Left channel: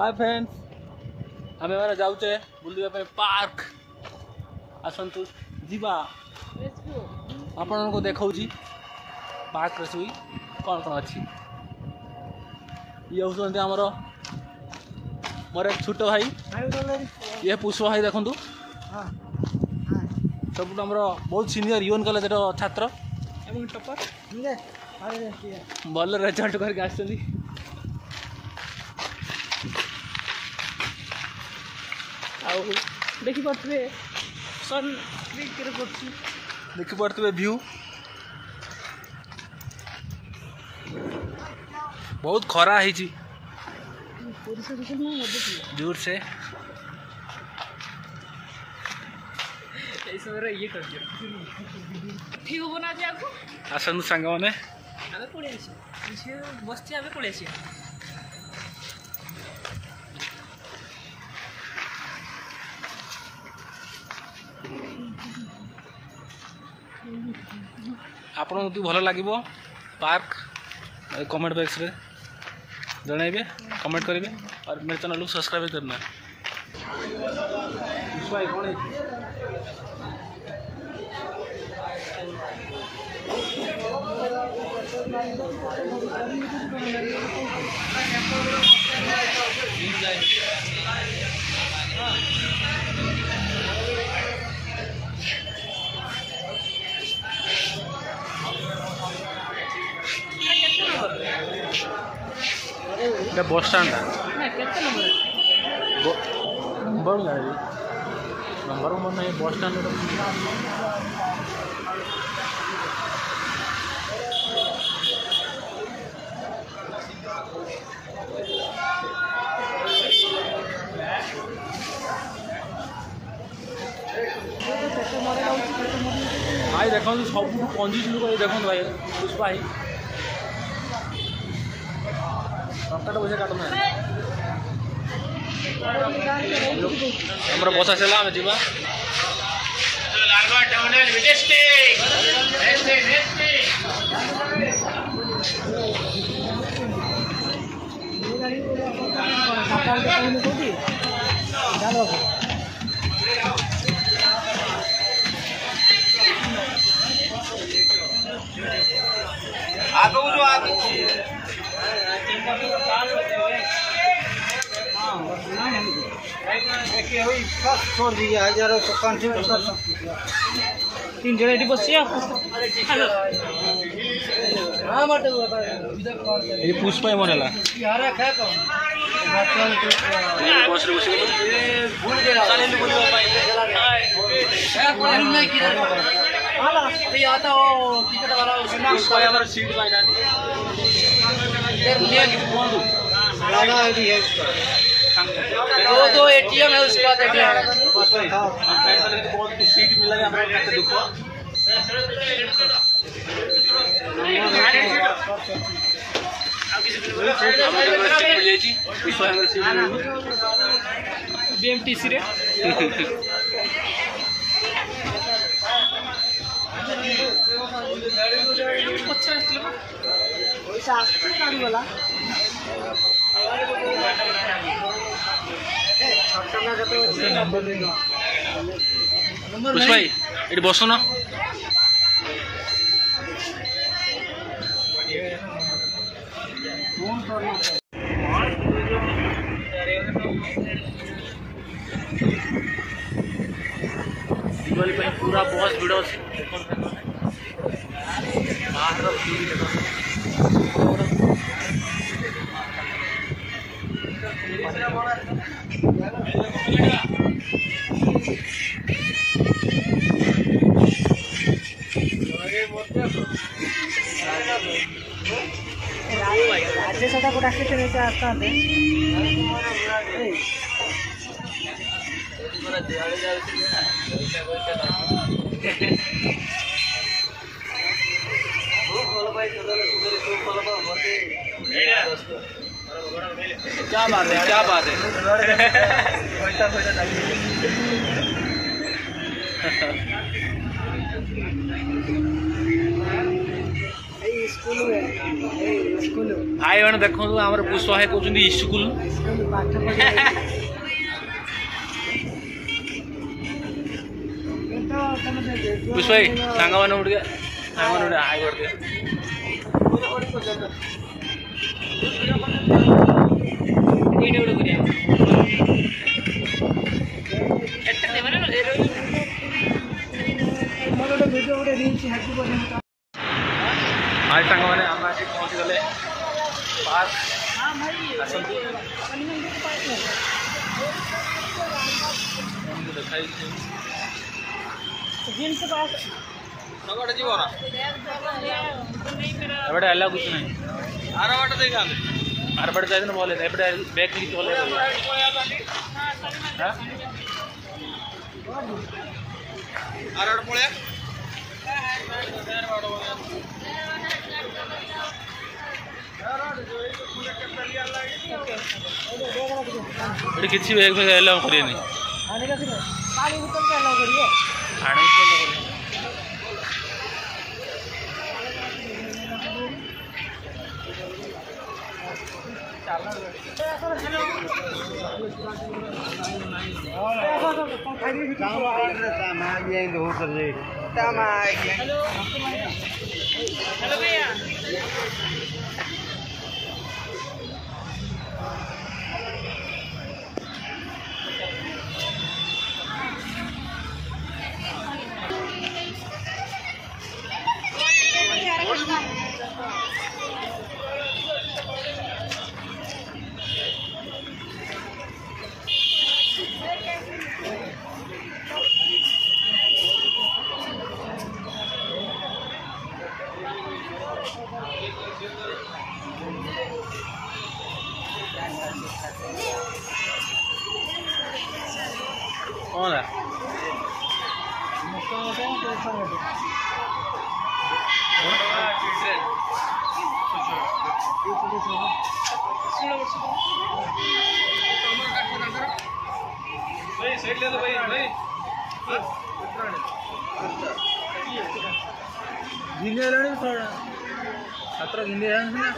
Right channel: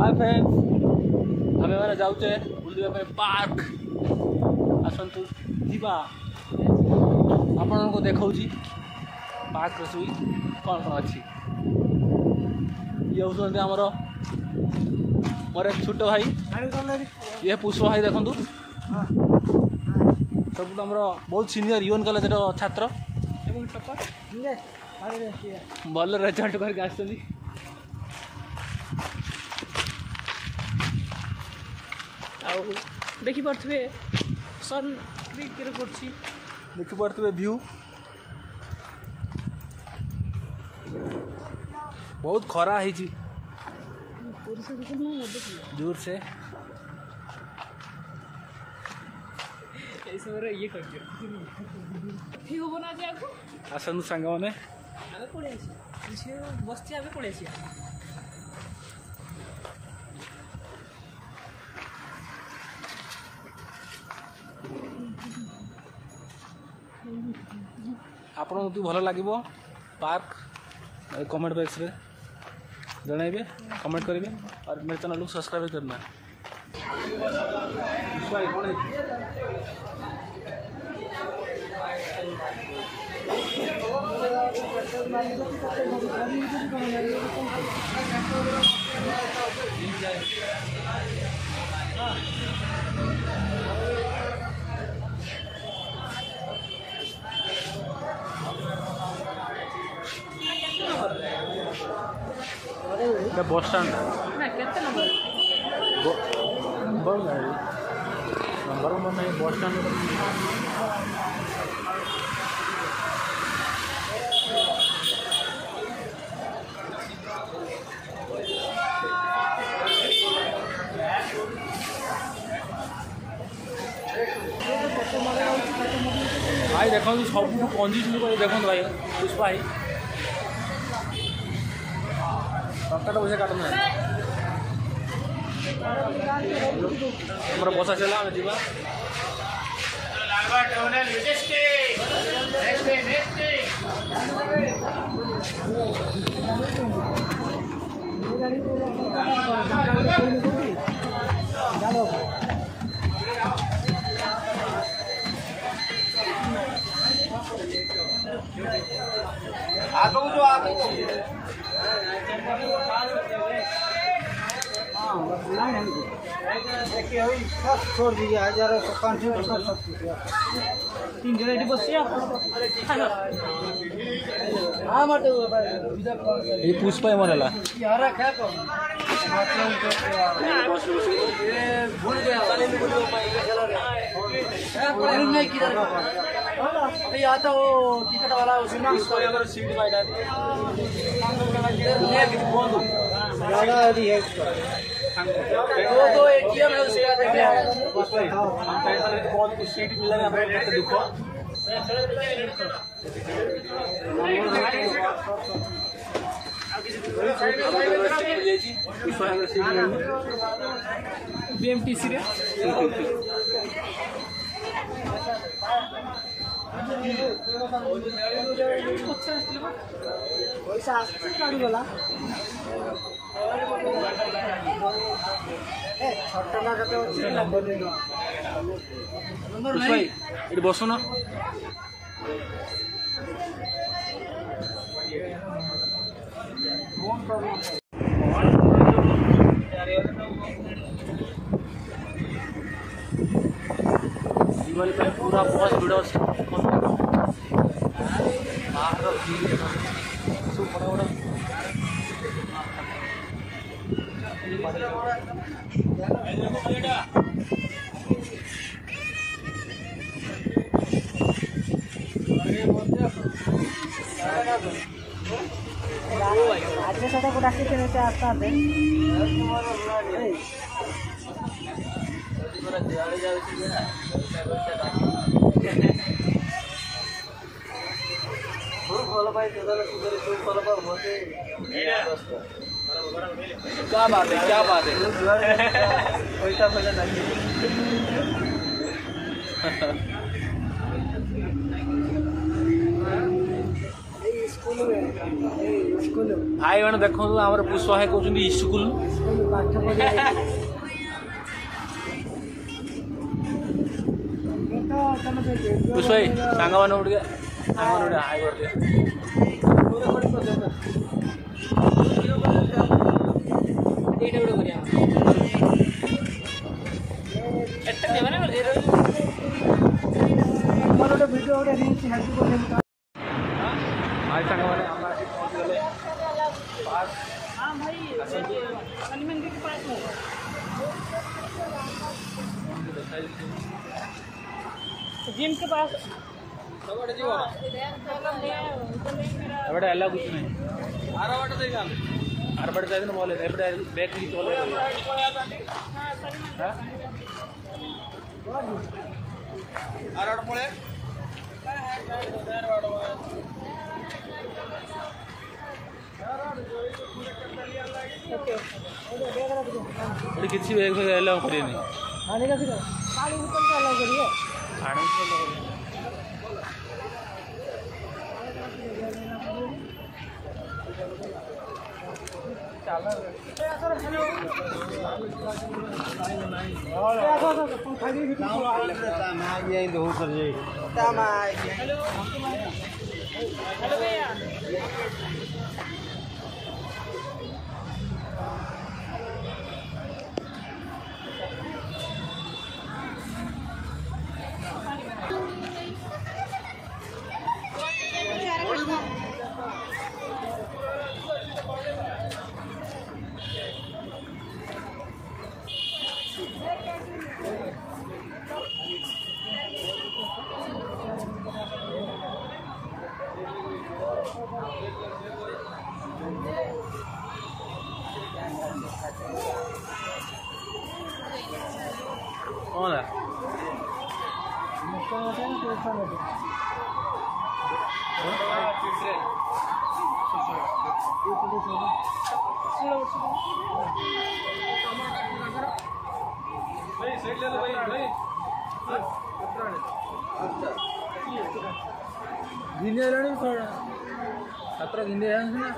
hi friends आमे माने जाउचे बुलिया पे पार्क आसंतु जीवा आपन को देखाउची पार्क रसुई कौन कौन अच्छी ये होते हमर मोर एक छोट भाई ये पुष्प भाई देखु सब बहुत सीनियर यूएन कॉलेज छात्र भल रिजल्ट करके आसछन्ती देखी पारे सन देखी पारे व्यू बहुत खरा है दूर से ठीक हो ना आसନ୍ତୁ ସାଙ୍ଗମାନେ ଆମେ ପଳେଇ ଆସିବା ସେ ବସ୍ତି ଆମେ ପଳେଇ ଆସିବା आपन को भल लगे पार्क कमेंट बॉक्स रे जनइबे कमेंट करेंगे और मेरे चैनल को सब्सक्राइब करना बस स्टैंड नंबर मन नहीं बस स्टैंड भाई देखो सब कंजूस लोग देखो भाई पुष्पा भाई टका पैसा काटना हमारा बस आसला आम जीवा छोड़ दीजिए 1000 तीन जगह बस ये पुष्पा मन है दो एटीएम है उसका सीट मिला बीएमटीसी रे पुष्पा भाई ये बस ना दिवाली पूरा बहुत भिड़ बाहर राज्य को डाके आता क्या बात है स्कूल भाई मैंने देखो आम पुष्पा भाई कहते स्कूल पुष्पा भाई सांग मैंने हाई कर आज सांग मैंने आम पहुँची गले पार्क आसतु देखाई जिनके पास एपटे अल्लाह कुछ नहीं आर पट चाहिए बोले एपटे बैग की चले किसी बैग में अलाउ करिए नहीं आने हेलो भैया कौन है छात्र गिंदे ना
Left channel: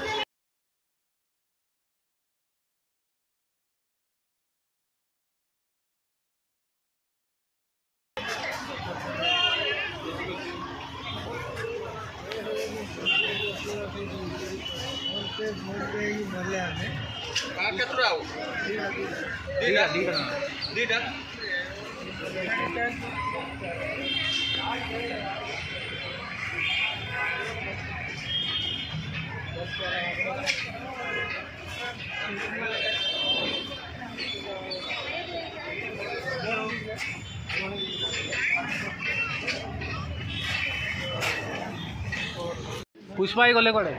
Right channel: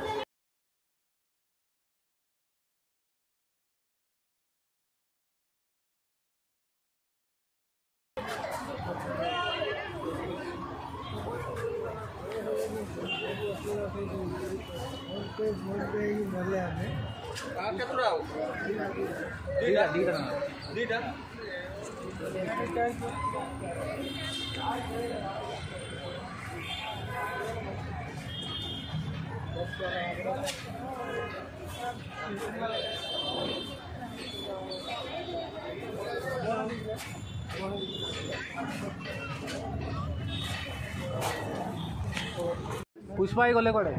पुष्पा ही गले कड़े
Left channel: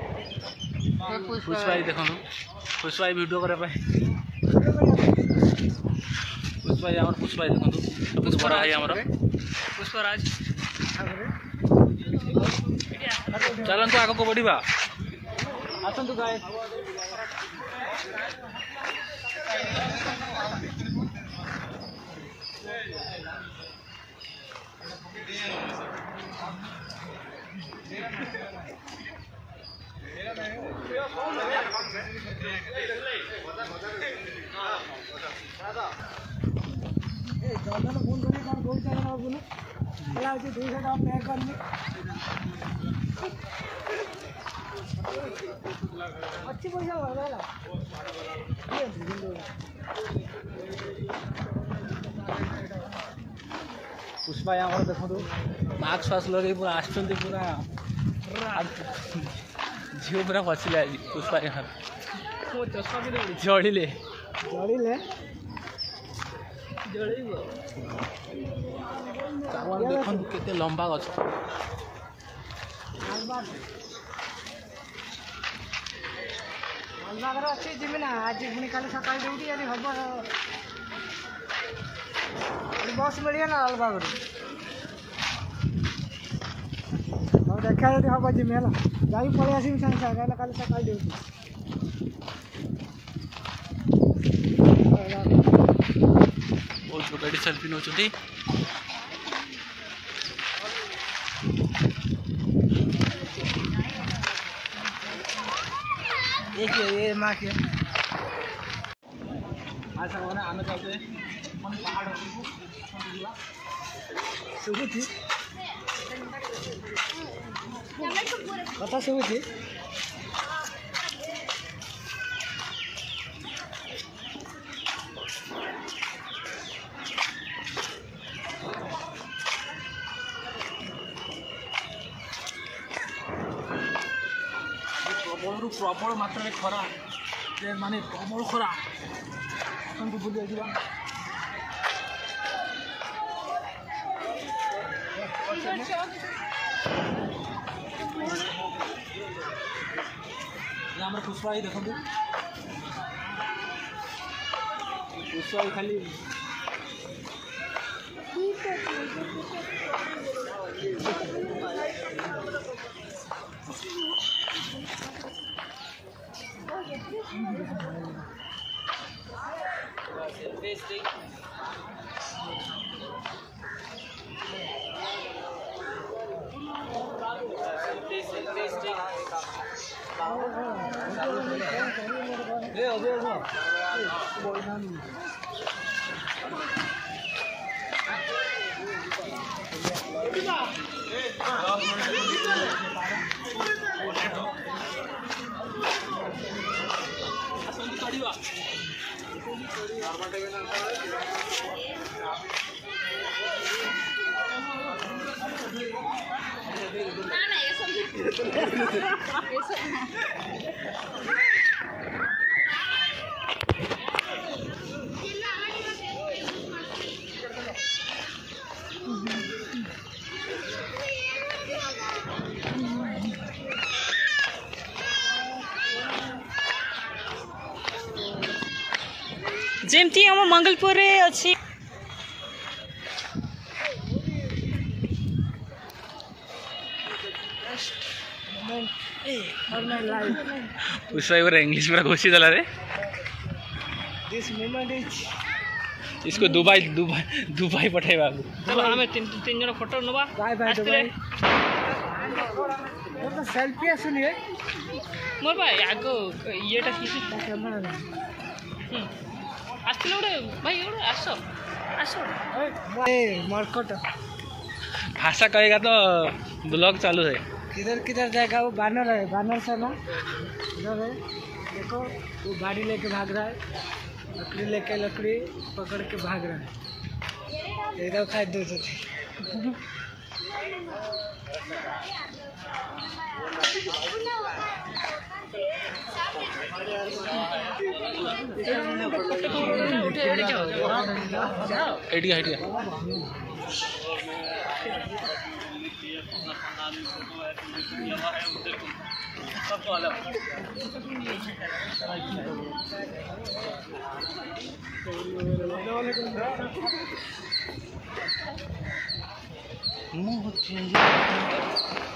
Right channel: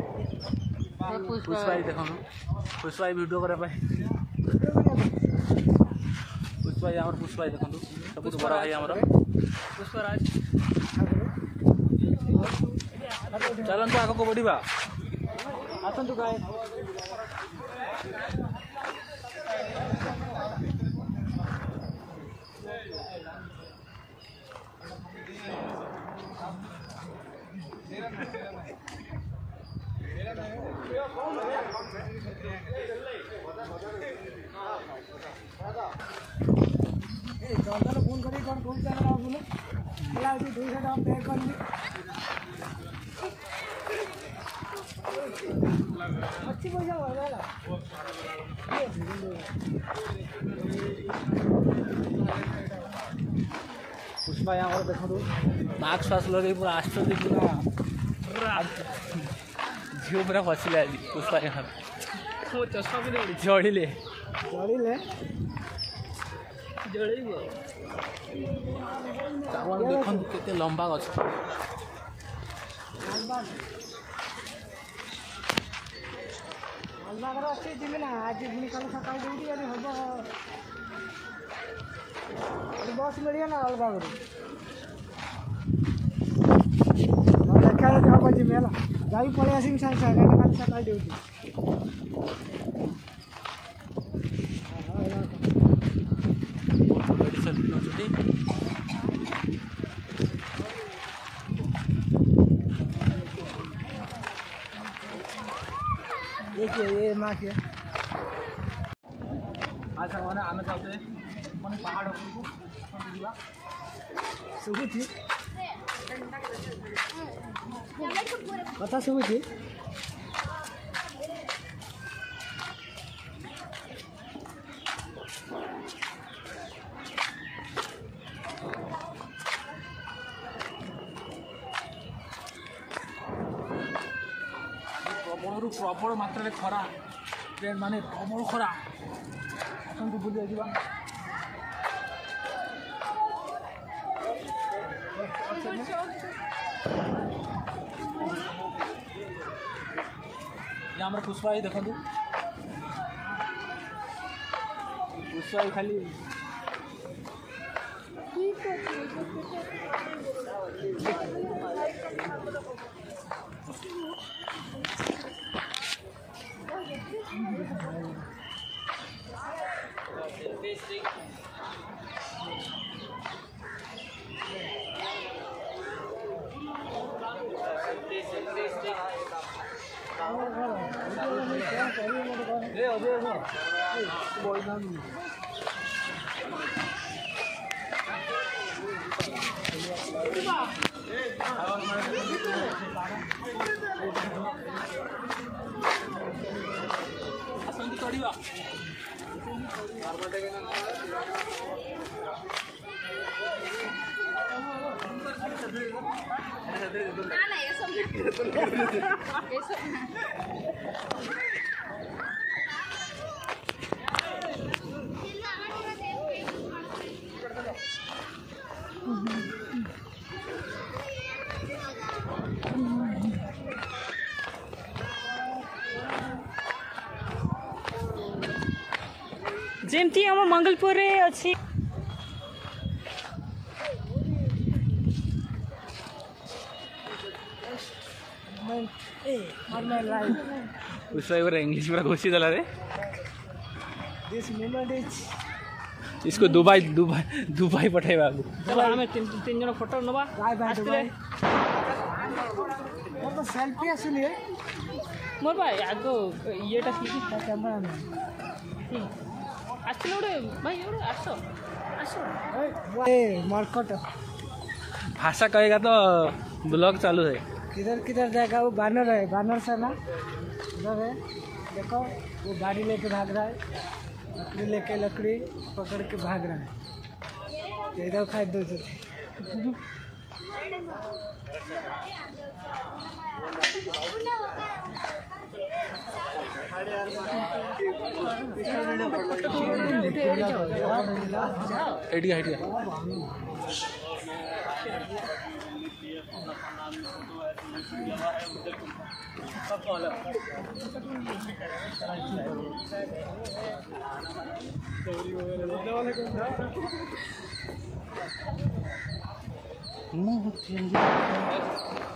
पुष्पा ही देखो पुष्पा ही वीडियो करे पुष्पा ही आमर पुष्पा ही देखो पुष्पा भाई आमर पुष्पराज चलतु आग को बढ़ा आसतु गाय अच्छी पैसा पुष्पा यहाँ देखो मास्क फास्क लगे पूरा आसुँच पूरा झील पूरा फसिले आज पुष्पा यहाँ चश्मा भी जड़िले देखो केते लंबा गछ अच्छी जिमी ना आज पुणी काली सकाल ड्यूटी यदि हम बस मिले ना अलबाग देखा हम जिमी है जा पलि आसमी सारे सारे काली सकाल ड्यूटी सेल्फी नौ एक ये माँ के आज साଙ୍ଗମାନେ ଆମେ ଯାଉଛେ ମାନେ ପାହାଡ଼ ଉପରକୁ ଯିବା ଶୁଭୁଛି କଥା ଶୁଭୁଛି ପ୍ରବଳରୁ ପ୍ରବଳ ମାତ୍ରାରେ ଖରା ମାନେ ପ୍ରବଳ ଖରା ଆସନ୍ତୁ ବୁଲିବାକୁ ଯିବା ଆମର ପୁଷ୍ପା ଭାଇ ଦେଖନ୍ତୁ ପୁଷ୍ପା ଭାଇ ଖାଲି जेमती हम मंगलपुर अच्छी पुष्पा भाई इंग्लिश पूरा घोषित देला रे दिस मोमेंट इज इसको दुबई दुबई दुबई पठाइबा आम तीन जन फोटो नवा तो सेल्फी आसुनी मोर भाई आग येटा आसले गोटे भाई गोटे आस आस मरकट भाषा कहेगा तो ब्लॉग चालू है किधर किधर जाएगा वो बैनर है बैनर से ना इधर है देखो वो गाड़ी लेके भाग रहा है लकड़ी लेके लकड़ी पकड़ के भाग रहा है इधर था दो थे एडिया एडिया मुँह